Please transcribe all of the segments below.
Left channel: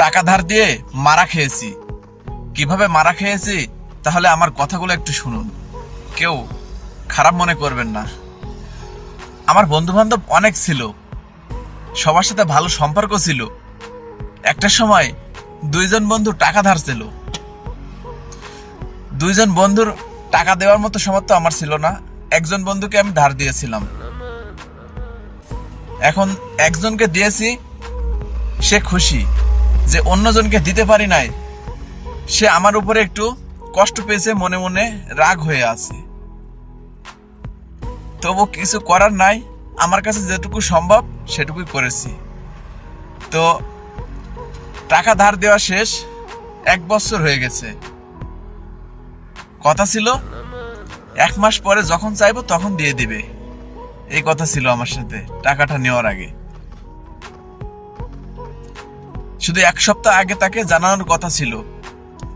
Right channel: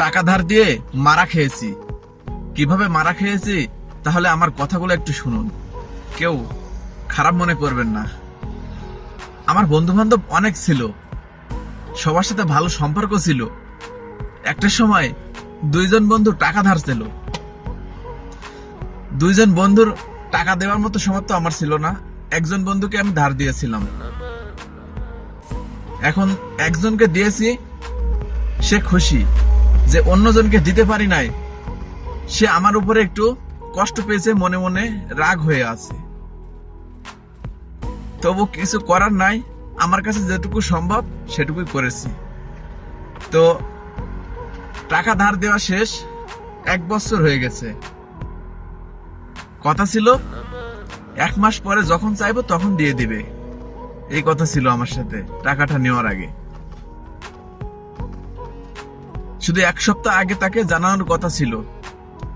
টাকা ধার দিয়ে মারা খেয়েছি। কীভাবে মারা খেয়েছি? তাহলে আমার কথাগুলো একটু শুনুন। কেউ খারাপ মনে করবেন না। আমার বন্ধু বান্ধব অনেক ছিল। সবার সাথে ভালো সম্পর্ক ছিল। একটা সময় দুইজন বন্ধু টাকা ধার ছিল। দুইজন বন্ধুর টাকা দেওয়ার মতো সামর্থ্য আমার ছিল না। একজন বন্ধুকে আমি ধার দিয়েছিলাম। এখন একজনকে দিয়েছি, সে খুশি। যে অন্যজনকে দিতে পারি নাই, সে আমার উপরে একটু কষ্ট পেয়েছে, মনে মনে রাগ হয়ে আছে। তবু কিছু করার নাই, আমার কাছে যেটুকু সম্ভব সেটুকুই করেছি। তো টাকা ধার দেওয়া শেষ, এক বছর হয়ে গেছে। কথা ছিল, এক মাস পরে যখন চাইব তখন দিয়ে দিবে। এই কথা ছিল আমার সাথে, টাকাটা নেওয়ার আগে। শুধু এক সপ্তাহ আগে তাকে জানানোর কথা ছিল।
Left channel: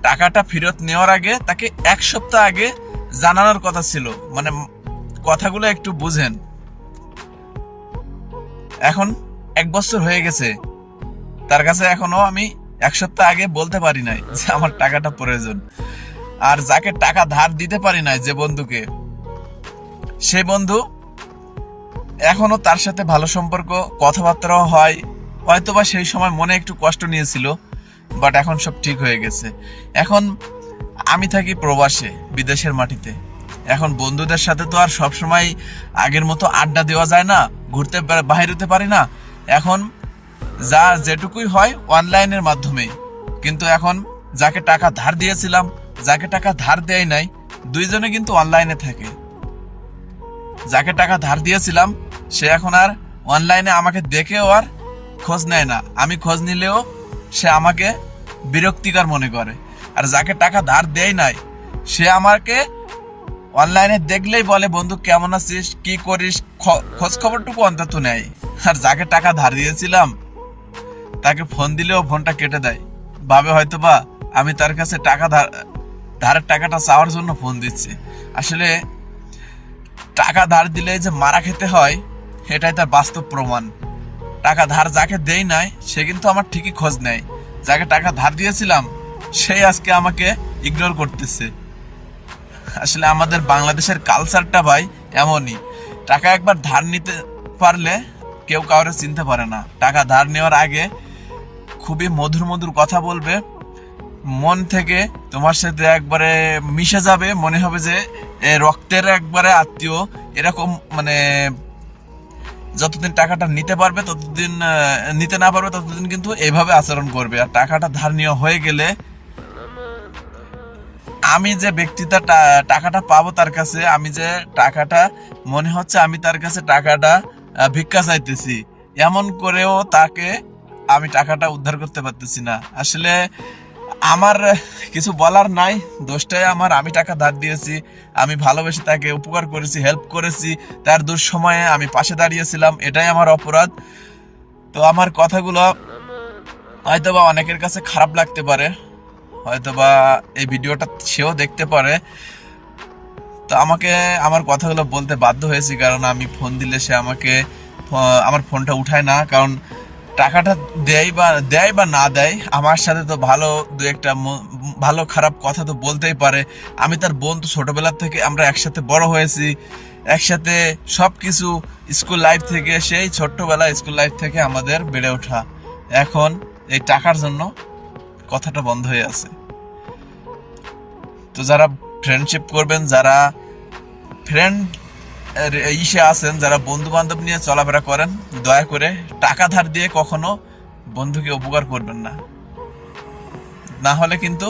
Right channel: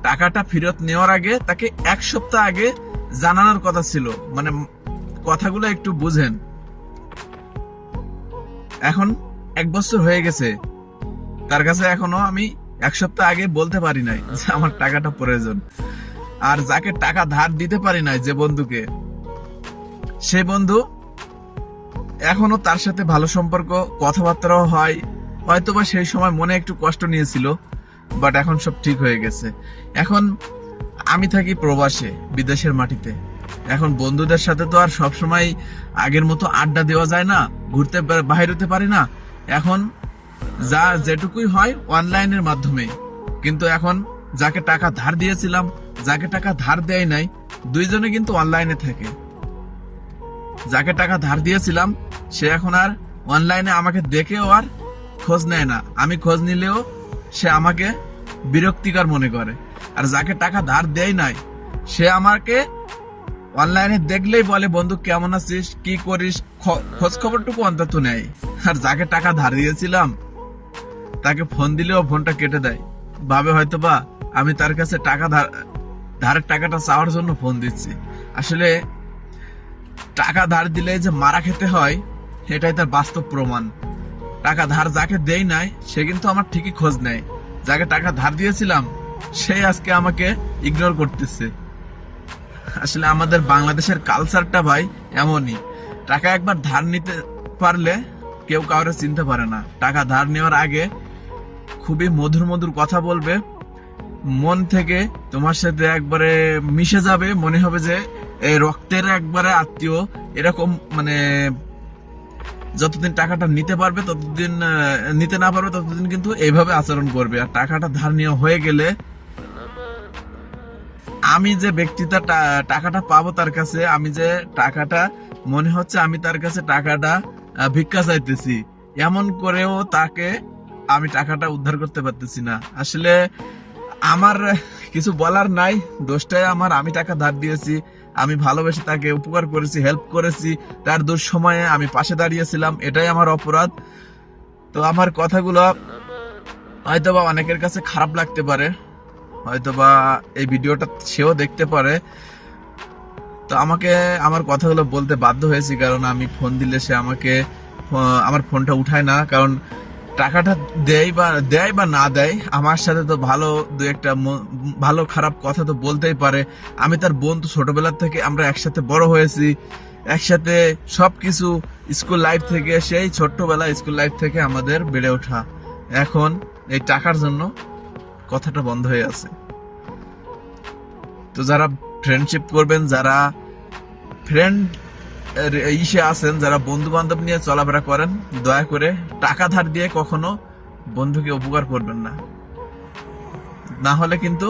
টাকাটা ফেরত নেওয়ার আগে তাকে এক সপ্তাহ আগে জানানোর কথা ছিল। মানে কথাগুলো একটু বুঝেন। এখন এক বছর হয়ে গেছে। তার কাছে এখনও আমি এক সপ্তাহ আগে বলতে পারি নাই যে আমার টাকাটা প্রয়োজন। আর যাকে টাকা ধার দিতে পারি নাই যে বন্ধুকে, সে বন্ধু এখনও তার সাথে ভালো সম্পর্ক, কথাবার্তাও হয় হয়তোবা সেই সময় মনে একটু কষ্ট নিয়েছিল বাট এখন সব ঠিক হয়ে গেছে। এখন আমি থাকি প্রবাসে, বিদেশের মাটিতে। এখন বন্ধুদের সাথে তো আর সব সময় আগের মতো আড্ডা দেওয়া যায় না, ঘুরতে বাহির হতে পারি না। এখন যা যেটুকুই হয় অনলাইনের মাধ্যমে কিন্তু এখন যাকে টাকা ধার দিয়েছিলাম, যাকে টাকা ধার দেয় নাই, দুইজনে কিন্তু অনলাইনে থাকে। যাকে টাকা ধার দিয়েছিলাম, সে এখন আর অনলাইনে আমাকে দেখেও আর খোঁজ নেয় না। আমি খোঁজ নিলেও সে আমাকে বিরক্তিকর মনে করে। আর যাকে টাকা ধার দেয় নাই, সে আমাকে অনলাইনে দেখলেই বলে, বন্ধু, কেমন আছিস? কি করিস? খোঁজ খবরটুকু অন্তত নেয় আর যাকে টাকা ধার দিয়েছিলাম, তাকে ফোন দিলেও ফোনটা কেটে দেয়। ভাবে হয়তো বা আমি তার কাছে টাকা ধার ধারের টাকাটা চাওয়ার জন্য ফোন দিচ্ছি। আসলে টাকা ধার দিলে যে মারা খেতে হয়, এটাই তার বাস্তব প্রমাণ। টাকা ধার যাকে দেই নাই, সে কিন্তু আমার ঠিকই খোঁজ নেয়। যাকে টাকা ধার দিয়েছিলাম, সেই আজকে আমাকে ইগনোর করতেছে। আসলে আমাদের বাংলাদেশের কালচারটা ভাই এমনই। টাকা একবার ধার নিতে পারলে কেউ কাউরে চিনতে পারে না। টাকা ধার নেওয়ার আগে খুবই মধুর মধুর কথা বলবে। মন থেকে তোমার সাথে একবারে মিশে যাবে। মনে হবে যে রক্তের একবারে আত্মীয় এরকম মানে যতদিন টাকাটা নিতে পারবে, ততদিন নিতে না পারবে, ততদিন কিন্তু এইভাবে আচরণ করবে। আর টাকাটা ধার নেওয়া হয়ে গেলে আমি যে ব্যক্তিটা টাকাটা পাবো তার কাছে, আমি যে টাকাটা, মনে হচ্ছে আমি তার কাছে টাকাটা ভিক্ষা চাইতেছি, এমন করেও তাকে আমি টাকাটা উদ্ধার করতে পারতেছি না। আসলে আমার কিছু বলার নাই। দোষটাই আমার। আমি টাকা ধার দিয়েছি, আমি ভালোবেসে তাকে উপকার করেছি হেল্প করেছি। তার দুঃসময়ে আমি পাশে দাঁড়িয়েছিলাম, এটাই আমার অপরাধ। তো আমার কথাগুলো হয়তোবা অনেকের কাছে খারাপ লাগতে পারে, হয়তোবা এই ভিডিওটা সেও দেখতে পারে। তো আমাকে, আমার কথাগুলো বলতে বাধ্য হয়েছি, কারণ আমি ফোন দিলে সে আমাকে আমার ফোনটা উঠায় না। কারণ টাকাটা দেয় বা দেয় বা না দেয়, আমার সাথে তো ভালো দু একটা ভালো খারাপ কথা তো বলতেই পারে। আমি তার বন্ধু ছোটবেলা থেকে আমরা একসাথে বড় হয়েছি। একসাথে সব কিছু স্কুল লাইফ থেকে, সেই ছোট্টবেলা স্কুল লাইফ থেকে আমাদের বেড়ে ওঠা। এখন এই টাকার জন্য কথাটা বন্ধ হয়ে আছে। তো যারা ফ্রেন্ডশিপ করবেন, যারা ফ্রেন্ড ইসে আছেন, যারা বন্ধু বান্ধব নিয়ে চলাফেরা করেন, দয়া করে টাকা ধার দিয়ে কখনো বন্ধুকে উপকার করবেন না। না হলে কিন্তু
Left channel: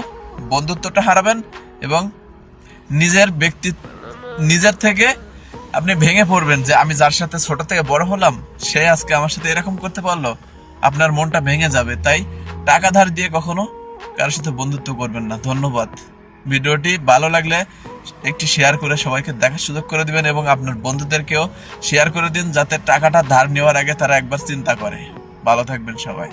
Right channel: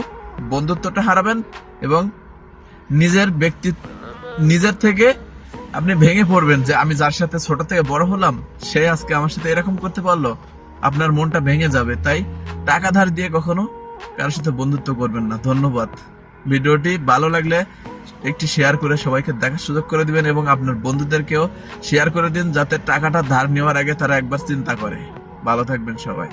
বন্ধুত্বটা হারাবেন এবং নিজের ব্যক্তি, নিজের থেকে আপনি ভেঙে পড়বেন যে আমি যার সাথে ছোট থেকে বড় হলাম, সে আজকে আমার সাথে এরকম করতে পারল, আপনার মনটা ভেঙে যাবে। তাই টাকা ধার দিয়ে কখনো কারোর সাথে বন্ধুত্ব করবেন না। ধন্যবাদ। ভিডিওটি ভালো লাগলে একটি শেয়ার করে সবাইকে দেখার সুযোগ করে দিবেন এবং আপনার বন্ধুদেরকেও শেয়ার করে দিন যাতে টাকাটা ধার নেওয়ার আগে তারা একবার চিন্তা করে। ভালো থাকবেন সবাই।